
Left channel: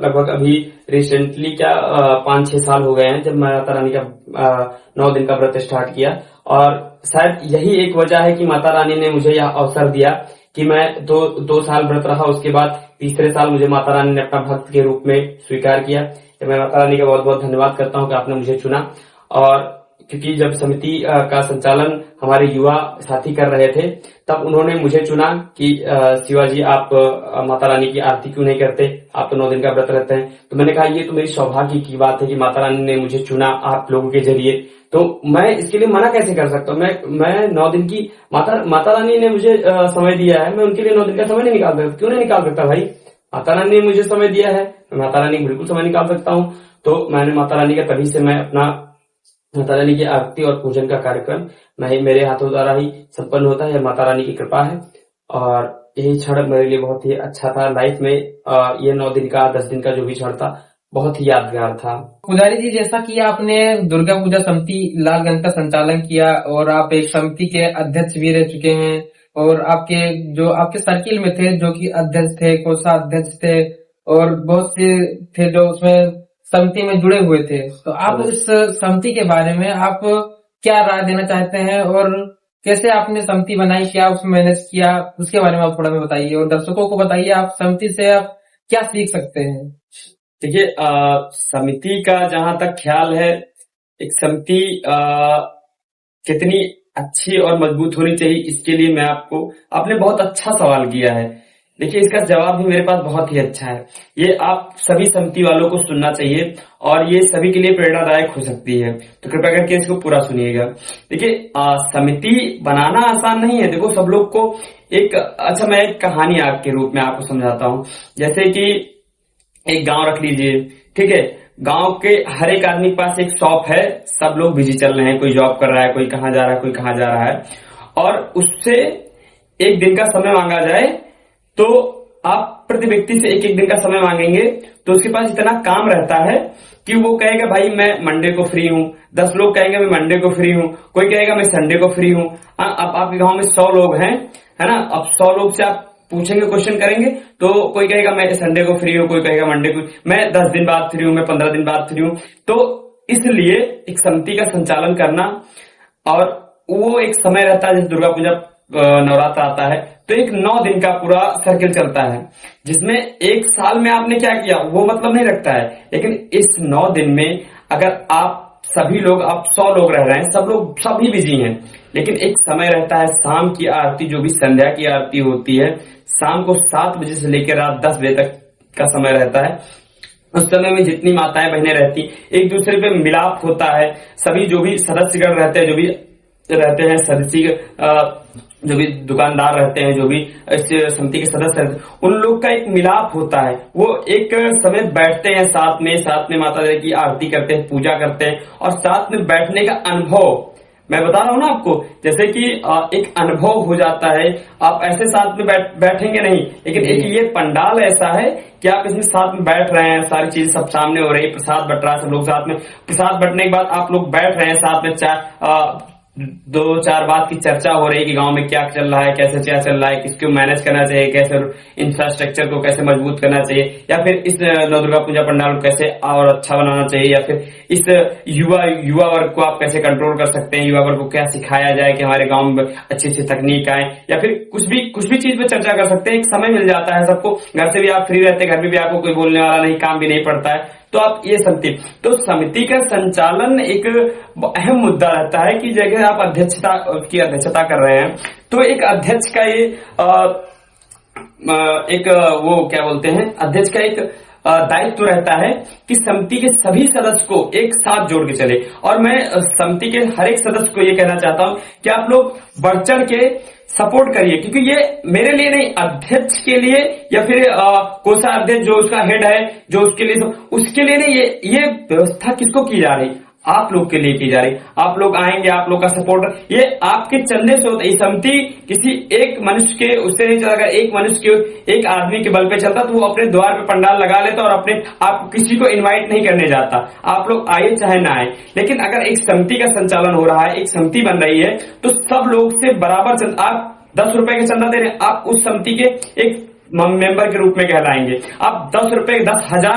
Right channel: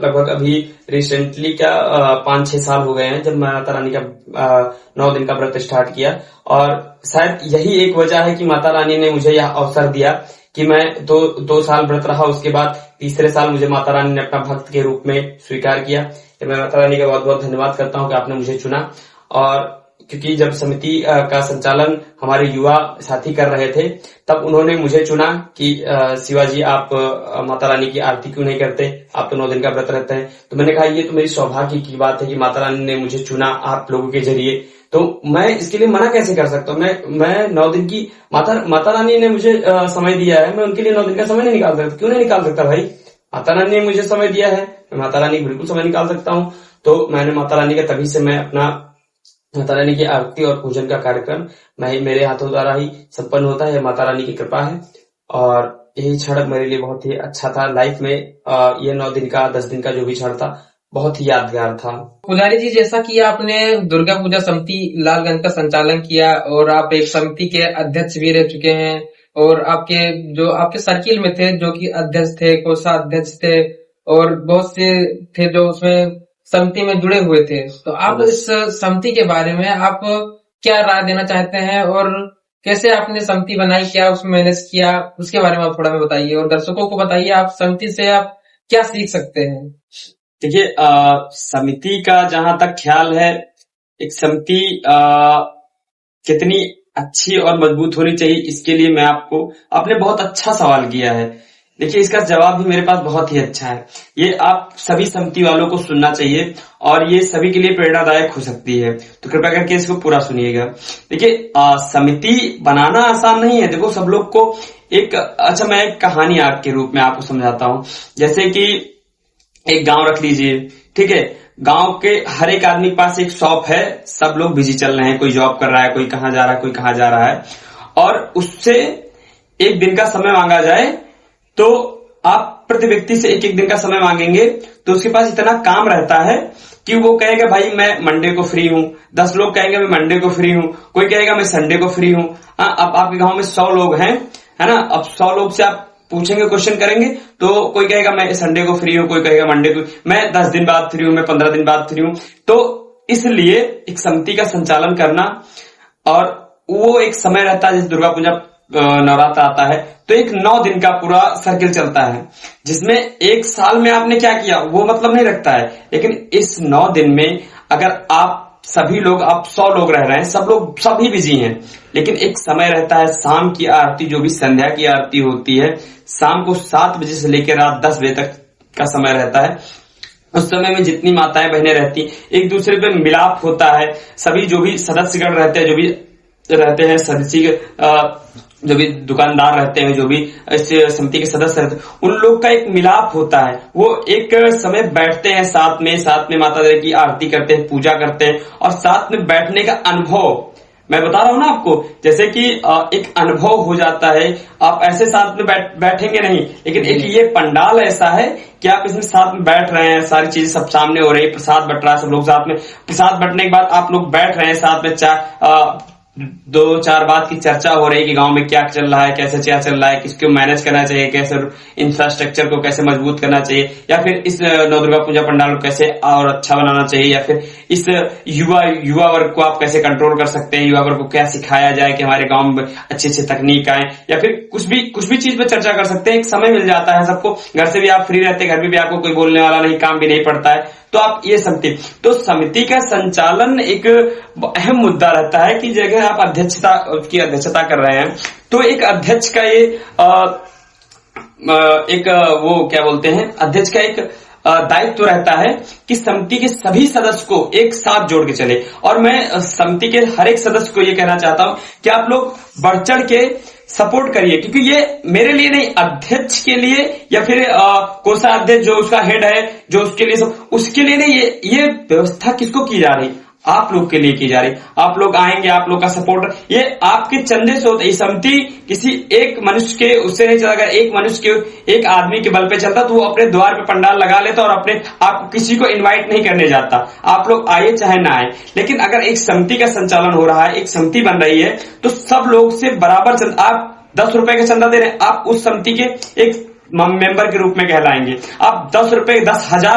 लगभग अभी रिसेंटली 5-6 साल हो गए हैं जब मैं माता रानी का 9 दिन का व्रत स्टार्ट किया। और शायद यही एक वजह है कि माता रानी ने मुझे यह अवसर दिया कि मैं 2 साल व्रत रहा, उसके बाद तीसरे साल मुझे माता रानी ने अपना भक्त के रूप में स्वीकार किया। तो मैं माता रानी का बहुत बहुत धन्यवाद करता हूँ कि आपने मुझे चुना। और क्योंकि जब समिति का संचालन हमारे युवा साथी कर रहे थे तब उन्होंने मुझे चुना कि शिवाजी आप माता रानी की आरती क्यों नहीं करते, आप तो 9 दिन का व्रत रहते हैं। तो मैंने कहा ये तो मेरी सौभाग्य की बात है कि माता रानी ने मुझे चुना आप लोगों के जरिए, तो मैं इसके लिए मना कैसे कर सकता हूँ। मैं 9 दिन की माता रानी ने मुझे समय दिया है, मैं उनके लिए 9 दिन का समय नहीं निकाल सकता। क्यों नहीं निकाल सकता भाई, माता रानी ने मुझे समय दिया है, मैं माता रानी बिल्कुल समय निकाल सकता हूँ। तो मैंने माता रानी का तभी से मैं अपना माता रानी की आरती और पूजन का कार्यक्रम मेरे हाथों द्वारा ही संपन्न होता है। माता रानी की कृपा है और यही क्षण मेरे लिए बहुत ही अच्छा था लाइफ में। ये 9 दिन का 10 दिन का जो भी क्षण था बहुत ही यादगार था। पुजारी जी, जैसा कि आपने दुर्गा पूजा समिति लालगंज का संचालन किया और आप एक समिति के अध्यक्ष भी रह चुके हैं और आपके सर्किल में थे जो कि अध्यक्ष थे, कोषाध्यक्ष थे और बहुत से थे जो उसमें समिति में जुड़े हुए थे। तो आप इस समिति के बारे में आप क्या राय देना चाहते हैं और कैसे आपने समिति बनाई, क्या उसमें मैनेज किया, उसके बारे में आप थोड़ा बताइए और दर्शकों को बताइए आप समिति से आप क्या सीख सकते हैं। देखिए, समिति का जहां तक ख्याल है, एक समिति कितनी अच्छी और मजबूत होनी चाहिए, इसके लिए आपने बहुत अच्छा सवाल किया है। देखिए, इसका जवाब भी मेरे पास बहुत ही अच्छा है। ये आप सभी समिति वालों को सुनना चाहिए और ये सभी के लिए प्रेरणादायक हो सकती है, तो कृपया करके इसको पूरा सुनिएगा। देखिए, समिति बनाना आसान नहीं है। देखो, सब लोग को मैं एक कहानी के रूप में आपको समझाता हूँ। जैसे कि एक गांव रख लीजिए, ठीक है। गांव के हर एक आदमी के पास एक शॉप है, सब लोग बिजी चल रहे हैं, कोई जॉब कर रहा है, कोई कहां जा रहा है, कोई कहां जा रहा है, और उससे एक दिन का समय मांगा जाए तो आप प्रति व्यक्ति से एक दिन का समय मांगेंगे तो उसके पास इतना काम रहता है कि वो कहेगा भाई मैं मंडे को फ्री हूं, 10 लोग कहेंगे मैं मंडे को फ्री हूं, कोई कहेगा मैं संडे को फ्री हूं। अब आपके गांव में 100 लोग हैं, है ना। अब 100 लोग से आप पूछेंगे, क्वेश्चन करेंगे, तो कोई कहेगा मैं संडे को फ्री हूं, कोई कहेगा मंडे को, मैं 10 दिन बाद फ्री हूं, मैं 15 दिन बाद फ्री हूं। तो इसलिए एक समिति का संचालन करना, और वो एक समय रहता है, जैसे दुर्गा पूजा नवरात्र आता है तो एक 9 दिन का पूरा सर्किल चलता है, जिसमें एक साल में आपने क्या किया वो मतलब नहीं रखता है। लेकिन इस 9 दिन में अगर आप सभी लोग, आप 100 लोग रह रहे हैं, सब लोग सभी बिजी हैं, लेकिन एक समय रहता है शाम की आरती, जो भी संध्या की आरती होती है, शाम को 7 बजे से लेकर रात 10 बजे तक का समय रहता है। उस समय में जितनी माताएं बहनें रहती, एक दूसरे पे मिलाप होता है। सभी जो भी सदस्यगण रहते हैं, जो भी रहते हैं सदस्य, जो भी दुकानदार रहते हैं, जो भी इस समिति के सदस्य रहते हैं, उन लोग का एक मिलाप होता है। वो एक समय बैठते हैं साथ में माता रानी की आरती करते हैं, पूजा करते हैं, और साथ में बैठने का अनुभव मैं बता रहा हूं ना आपको, जैसे कि एक अनुभव हो जाता है। आप ऐसे साथ में बैठेंगे नहीं, लेकिन एक ये पंडाल ऐसा है कि आप इसमें साथ में बैठ रहे हैं, सारी चीजें सब सामने हो रही है, प्रसाद बट रहा है, सब लोग साथ में, प्रसाद बटने के बाद आप लोग बैठ रहे हैं साथ में, 2-4 बात की चर्चा हो रही है कि गांव में क्या चल रहा है, कैसे क्या चल रहा है, किसको मैनेज करना चाहिए, कैसे इंफ्रास्ट्रक्चर को कैसे मजबूत करना चाहिए, या फिर इस नवदुर्गा पूजा पंडाल को कैसे और अच्छा बनाना चाहिए, या फिर इस युवा वर्ग को आप कैसे कंट्रोल कर सकते हैं, युवा वर्ग को क्या सिखाया जाए कि हमारे गांव में अच्छी तकनीक आए, या फिर कुछ भी चीज पे चर्चा कर सकते हैं। एक समय मिल जाता है सबको, घर से भी आप फ्री रहते हैं, घर में भी आपको कोई बोलने वाला नहीं, काम भी नहीं पड़ता है, तो आप ये समिति का संचालन एक अहम मुद्दा रहता है कि जगह आप अध्यक्षता कर रहे हैं, तो एक अध्यक्ष का ये वो क्या बोलते हैं, अध्यक्ष का एक दायित्व रहता है कि समिति के सभी सदस्य को एक साथ जोड़ के चले। और मैं समिति के हर एक सदस्य को ये कहना चाहता हूं कि आप लोग बढ़ चढ़ के सपोर्ट करिए, क्योंकि ये मेरे लिए नहीं, अध्यक्ष के लिए या फिर कोषाध्यक्ष जो उसका हेड है, जो उसके लिए सब, उसके लिए नहीं, ये व्यवस्था किसको की जा रही, आप लोग के लिए की जा रही। आप लोग आएंगे, आप लोग का सपोर्ट ये आपके चंदे से होता है। समिति किसी एक मनुष्य के उससे नहीं चला। अगर एक मनुष्य के, एक आदमी के बल पे चलता तो वो अपने द्वार पे पंडाल लगा लेता और अपने आप किसी को इनवाइट नहीं करने जाता, आप लोग आए चाहे ना आए। लेकिन अगर एक समिति का संचालन हो रहा है, एक समिति बन रही है, तो सब लोग से बराबर चंदा, आप 10 रुपए का चंदा दे रहे हैं, आप उस समिति के एक मेंबर के रूप में कहलाएंगे। आप 10,000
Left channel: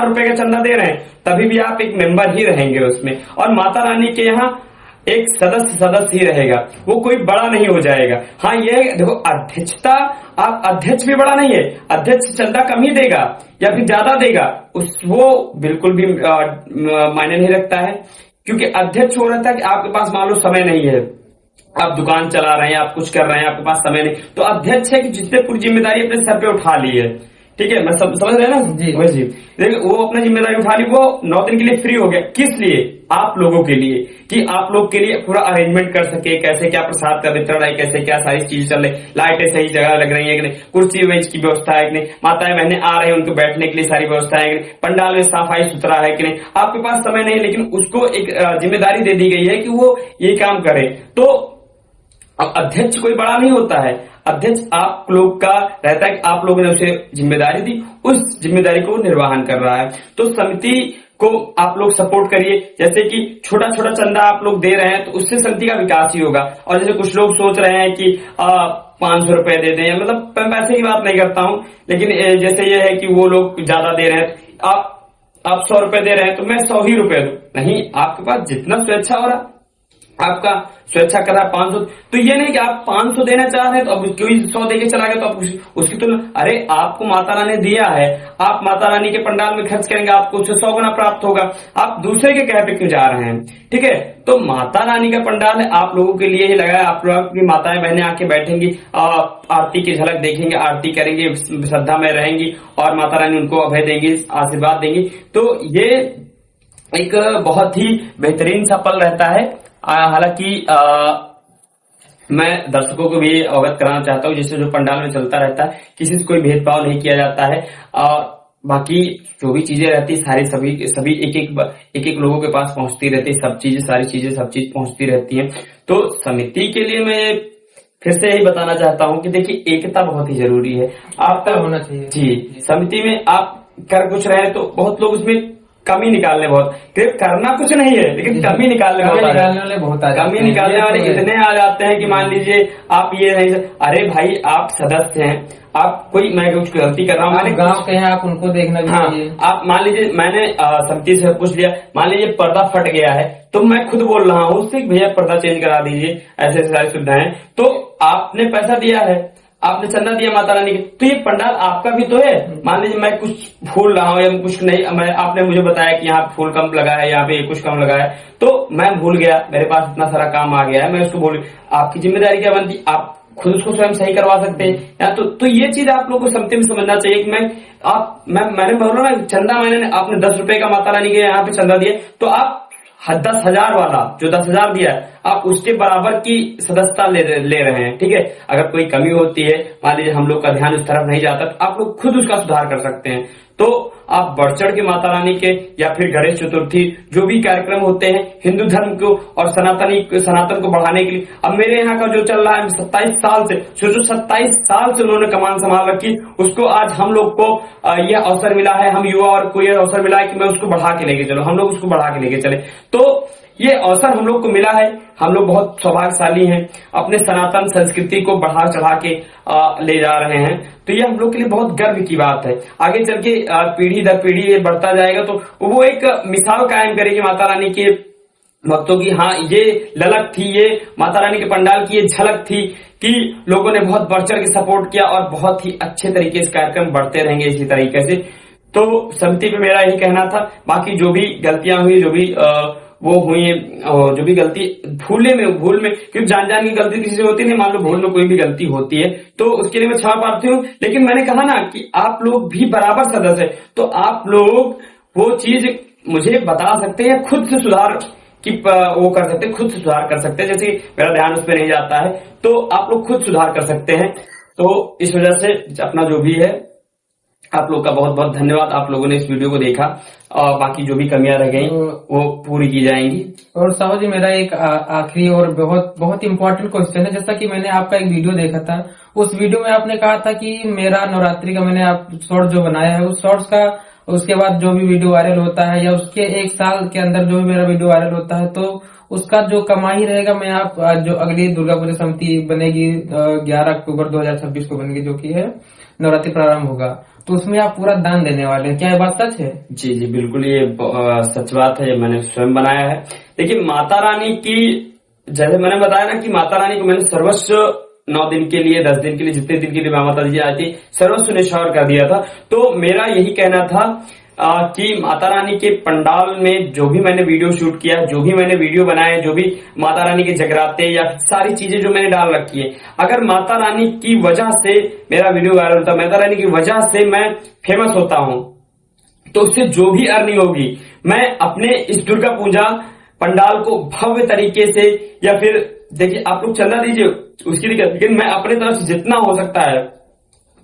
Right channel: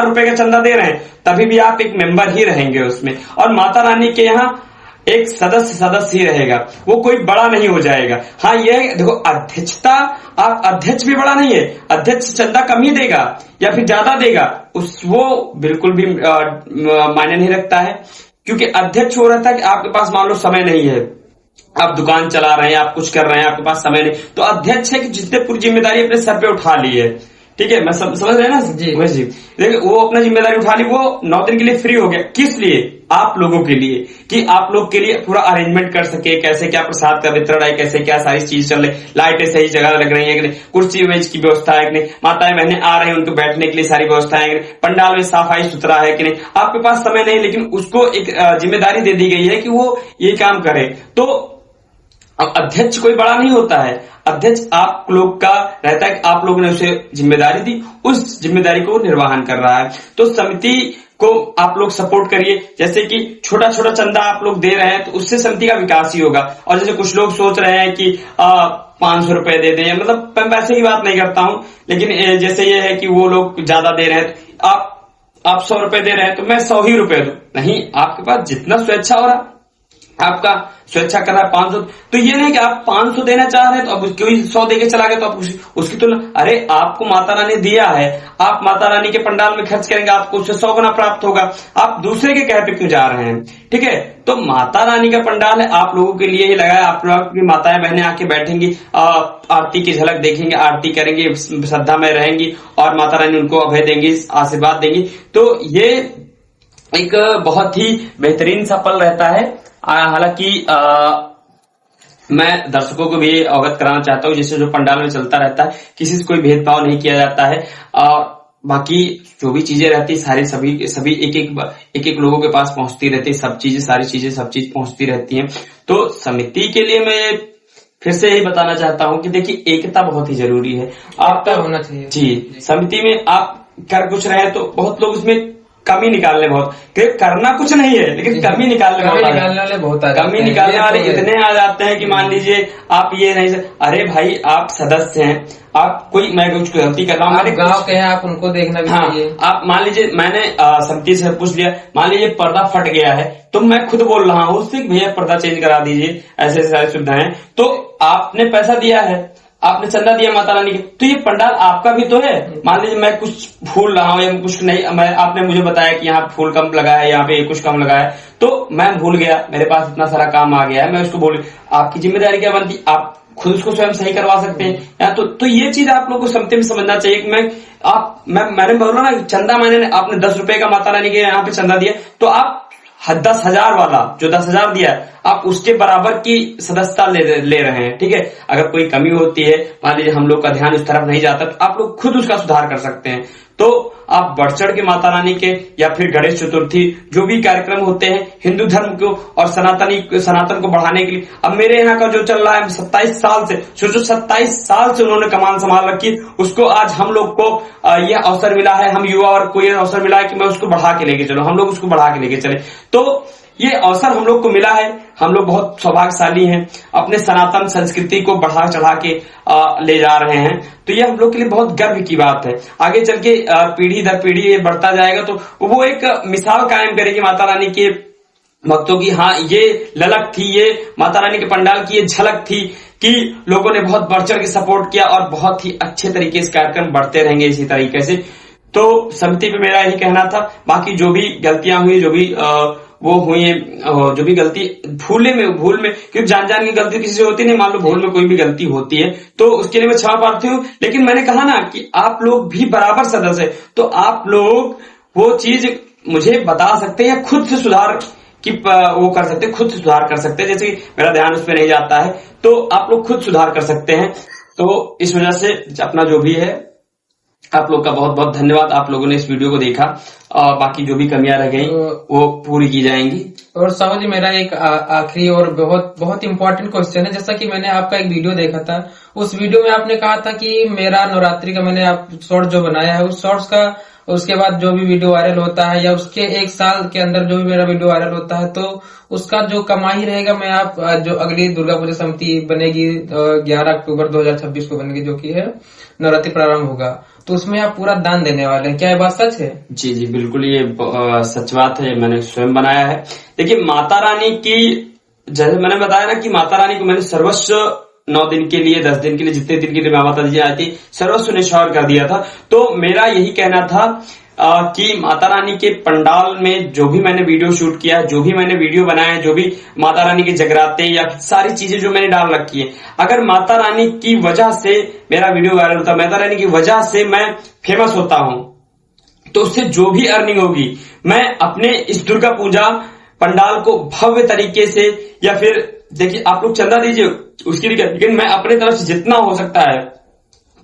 रुपए का चंदा दे रहे हैं, तभी भी आप एक मेंबर ही रहेंगे उसमें। और माता रानी के यहाँ एक सदस्य ही रहेगा, वो कोई बड़ा नहीं हो जाएगा। हाँ, ये देखो, अध्यक्षता, आप अध्यक्ष भी बड़ा नहीं है, अध्यक्ष चंदा कम ही देगा या फिर ज्यादा देगा, वो बिल्कुल भी मायने नहीं रखता है। क्योंकि अध्यक्ष हो रहता है कि आपके पास मान लो समय नहीं है, आप दुकान चला रहे हैं, आप कुछ कर रहे हैं, आपके पास समय नहीं, तो अध्यक्ष है कि जिसने पूरी जिम्मेदारी अपने सर पे उठा ली है। ठीक है, मैं समझ रहे हैं ना जी। देखिए, वो अपना जिम्मेदारी उठा ली, वो 9 दिन के लिए फ्री हो गया। किस लिए? आप लोगों के लिए, कि आप लोग के लिए पूरा अरेंजमेंट कर सके, कैसे क्या प्रसाद का वितरण है, कैसे क्या सारी चीज चल रही, लाइटें सही जगह लग रही है कि नहीं, कुर्सी मेज की व्यवस्था है कि नहीं, माताएं बहनें आ रही हैं उनको बैठने के लिए सारी व्यवस्था है कि नहीं, पंडाल में सफाई सुथरा है कि नहीं। आपके पास समय नहीं, लेकिन उसको एक जिम्मेदारी दे दी गई है कि वो ये काम करे। तो अब अध्यक्ष कोई बड़ा नहीं होता है, अध्यक्ष आप लोग का रहता है कि आप लोगों ने उसे जिम्मेदारी दी, उस जिम्मेदारी को निर्वहन कर रहा है। तो समिति को आप लोग सपोर्ट करिए, जैसे कि छोटा छोटा चंदा आप लोग दे रहे हैं तो उससे समिति का विकास ही होगा। और जैसे कुछ लोग सोच रहे हैं कि 500 रुपए दे दें, मतलब मैं पैसे की बात नहीं करता हूं, लेकिन जैसे ये है कि वो लोग ज्यादा दे रहे हैं, तो आप 100 रुपए दे रहे हैं तो मैं 100 ही रुपए दूं, नहीं, आपके पास जितना स्वेच्छा हो रहा, आपका स्वेच्छा कर रहा है 500, तो ये नहीं कि आप 500 देना चाह रहे हैं तो अब कोई 100 देके चला गया तो आप उसकी तुलना, अरे आपको माता रानी ने दिया है, आप माता रानी के पंडाल में खर्च करेंगे, आपको उससे 100 गुना प्राप्त होगा, आप दूसरे के कह पे क्यों जा रहे हैं? ठीक है, तो माता रानी का पंडाल है, आप लोगों के लिए ही लगा है, आप लोगों की माताएं बहनें आके बैठेंगी, आरती की झलक देखेंगे, आरती करेंगे, श्रद्धा में रहेंगी और माता रानी उनको अभय देंगी, आशीर्वाद देंगी। तो ये एक बहुत ही बेहतरीन सा पल रहता है। हालांकि मैं दर्शकों को भी अवगत कराना चाहता हूँ, जैसे जो पंडाल में चलता रहता है, किसी से कोई भेदभाव नहीं किया जाता है, और बाकी जो भी चीजें रहती है सभी एक एक लोगों के पास पहुंचती रहती है, सब चीज पहुंचती रहती हैं। तो समिति के लिए मैं फिर से यही बताना चाहता हूं कि देखिए, एकता बहुत ही जरूरी है, आपका होना चाहिए जी। समिति में आप कर कुछ रहे तो बहुत लोग उसमें कमी निकालने, बहुत करना कुछ नहीं है लेकिन कमी निकालने वाले बहुत कमी निकालने वाले इतने आ जाते हैं कि मान लीजिए आप ये नहीं, अरे भाई आप सदस्य हैं, आप कोई, मैं कुछ गलती कर रहा हूँ, मैंने गांव के हैं, आप उनको देखना भी चाहिए। आप मान लीजिए मैंने समिति से पूछ लिया, मान लीजिए पर्दा फट गया है तो मैं खुद बोल रहा हूँ उससे भैया पर्दा चेंज करा दीजिए, ऐसे ऐसे सारी सुविधाएं, तो आपने पैसा दिया है, आपने चंदा दिया माता रानी के, तो ये पंडाल आपका भी तो है। मान लीजिए मैं कुछ भूल रहा हूँ या कुछ नहीं, आपने मुझे बताया कि यहाँ फूल कम लगा है, यहाँ पे कुछ कम लगा है, तो मैं भूल गया, मेरे पास इतना सारा काम आ गया है, मैं उसको भूल, आपकी जिम्मेदारी क्या बनती, आप खुद उसको स्वयं सही करवा सकते हैं या तो ये चीज आप लोगों को समिति में समझना चाहिए कि मैंने बोला ना, चंदा आपने 10 रुपए का माता रानी के यहाँ पे चंदा दिया, तो आप 10,000 वाला जो 10,000 दिया है, आप उसके बराबर की सदस्यता ले रहे हैं। ठीक है, अगर कोई कमी होती है, मान लीजिए हम लोग का ध्यान उस तरफ नहीं जाता, तो आप लोग खुद उसका सुधार कर सकते हैं। तो आप बढ़ चढ़ के माता रानी के या फिर गणेश चतुर्थी जो भी कार्यक्रम होते हैं हिंदू धर्म को और सनातन को बढ़ाने के लिए, अब मेरे यहाँ का जो चल रहा है 27 साल से, सोचो 27 साल से उन्होंने कमान संभाल रखी, उसको आज हम लोग को यह अवसर मिला है, हम युवा और को यह अवसर मिला है कि मैं उसको बढ़ा के लेके चलो, हम लोग उसको बढ़ा के लेके चले। तो ये अवसर हम लोग को मिला है, हम लोग बहुत सौभाग्यशाली हैं, अपने सनातन संस्कृति को बढ़ा चढ़ा के ले जा रहे हैं। तो ये हम लोग के लिए बहुत गर्व की बात है। आगे चल के पीढ़ी दर पीढ़ी ये बढ़ता जाएगा तो वो एक मिसाल कायम करेगी माता रानी के भक्तों की, हाँ ये ललक थी, ये माता रानी के पंडाल की ये झलक थी कि लोगों ने बहुत बढ़ चढ़ के सपोर्ट किया और बहुत ही अच्छे तरीके से कार्यक्रम बढ़ते रहेंगे इसी तरीके से। तो समिति पे मेरा यही कहना था। बाकी जो भी गलतियां हुई, जो भी वो हुई है, जो भी गलती भूल में क्योंकि जान की गलती किसी से होती नहीं, मान लो भूल में कोई भी गलती होती है तो उसके लिए मैं क्षमा प्रार्थी हूँ। लेकिन मैंने कहा ना कि आप लोग भी बराबर सदस्य है, तो आप लोग वो चीज मुझे बता सकते हैं, खुद से सुधार की वो कर सकते हैं, खुद से सुधार कर सकते हैं। जैसे कि मेरा ध्यान उस पर नहीं जाता है तो आप लोग खुद सुधार कर सकते हैं। तो इस वजह से अपना जो भी है, आप लोग का बहुत बहुत धन्यवाद, आप लोगों ने इस वीडियो को देखा और बाकी जो भी कमियां रह गई वो पूरी की जाएंगी। और साहब जी, मेरा एक आखिरी और बहुत बहुत इंपॉर्टेंट क्वेश्चन है। जैसा कि मैंने आपका एक वीडियो देखा था, उस वीडियो में आपने कहा था कि मेरा नवरात्रि का मैंने आप शॉर्ट जो बनाया है, उस शॉर्ट्स का उसके बाद जो भी वीडियो वायरल होता है या उसके 1 साल के अंदर जो भी मेरा वीडियो वायरल होता है, तो उसका जो कमाई रहेगा मैं आप जो अगली दुर्गा पूजा समिति बनेगी 11 अक्टूबर 2026 को बनेगी, जो कि है नवरात्रि प्रारंभ होगा, तो उसमें आप पूरा दान देने वाले हैं, क्या ये बात सच है? जी जी बिल्कुल, ये सच बात है, मैंने स्वयं बनाया है। देखिए माता रानी की, जैसे मैंने बताया ना कि माता रानी को मैंने सर्वस्व 9 दिन के लिए, 10 दिन के लिए, जितने दिन के लिए माता जी आई थी, सर्वस्व निछावर कर दिया था। तो मेरा यही कहना था कि माता रानी के पंडाल में जो भी मैंने वीडियो शूट किया, जो भी मैंने वीडियो बनाए, जो भी माता रानी के जगराते या सारी चीजें जो मैंने डाल रखी है, अगर माता रानी की वजह से मेरा वीडियो वायरल होता, माता रानी की वजह से मैं फेमस होता हूं, तो उससे जो भी अर्निंग होगी मैं अपने इस दुर्गा पूजा पंडाल को भव्य तरीके से, या फिर देखिए आप लोग चंदा दीजिए उसकी दिक्कत, लेकिन मैं अपने तरफ से जितना हो सकता है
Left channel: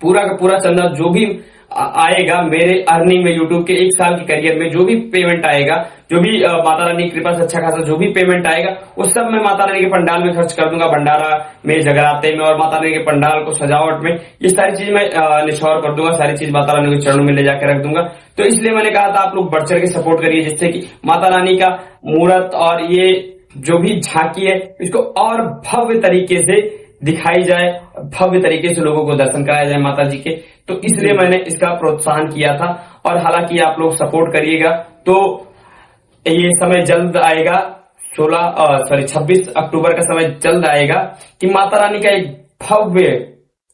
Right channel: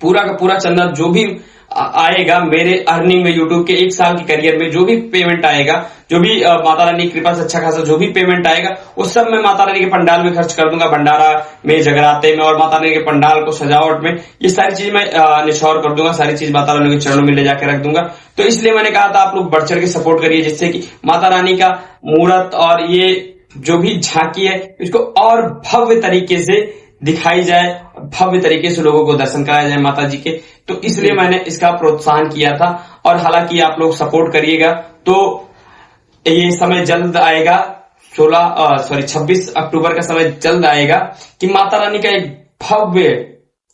पूरा का पूरा चंदा जो भी आएगा मेरे अर्निंग में, यूट्यूब के 1 साल के करियर में जो भी पेमेंट आएगा, जो भी माता रानी की कृपा से अच्छा खासा जो भी पेमेंट आएगा, वो सब मैं माता रानी के पंडाल में खर्च कर दूंगा, भंडारा में, जगराते में और माता रानी के पंडाल को सजावट में। ये सारी चीज मैं निछावर कर दूंगा, सारी चीज माता रानी के चरणों में ले जाकर रख दूंगा। तो इसलिए मैंने कहा था आप लोग बढ़ चढ़ के सपोर्ट करिए, जिससे कि माता रानी का मूर्त और ये जो भी झांकी है इसको और भव्य तरीके से दिखाई जाए, भव्य तरीके से लोगों को दर्शन कराया जाए माता जी के। तो इसलिए मैंने इसका प्रोत्साहन किया था। और हालांकि आप लोग सपोर्ट करिएगा तो ये समय जल्द आएगा, 26 अक्टूबर का समय जल्द आएगा कि माता रानी का एक भव्य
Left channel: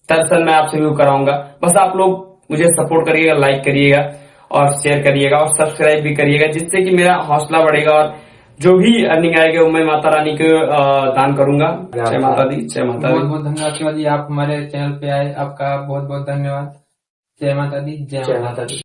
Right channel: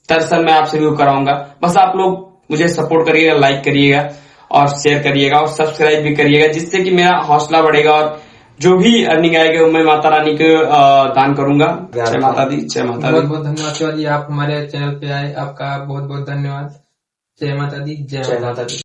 दर्शन मैं आपसे भी कराऊंगा। बस आप लोग मुझे सपोर्ट करिएगा, लाइक करिएगा और शेयर करिएगा और सब्सक्राइब भी करिएगा, जिससे कि मेरा हौसला बढ़ेगा और जो भी अर्निंग आएगा वो मैं माता रानी को दान करूंगा। जय माता दी, जय माता दी। बहुत बहुत धन्यवाद शिवाजी, आप हमारे चैनल पे आए, आपका बहुत बहुत धन्यवाद। जय माता दी, जय माता दी।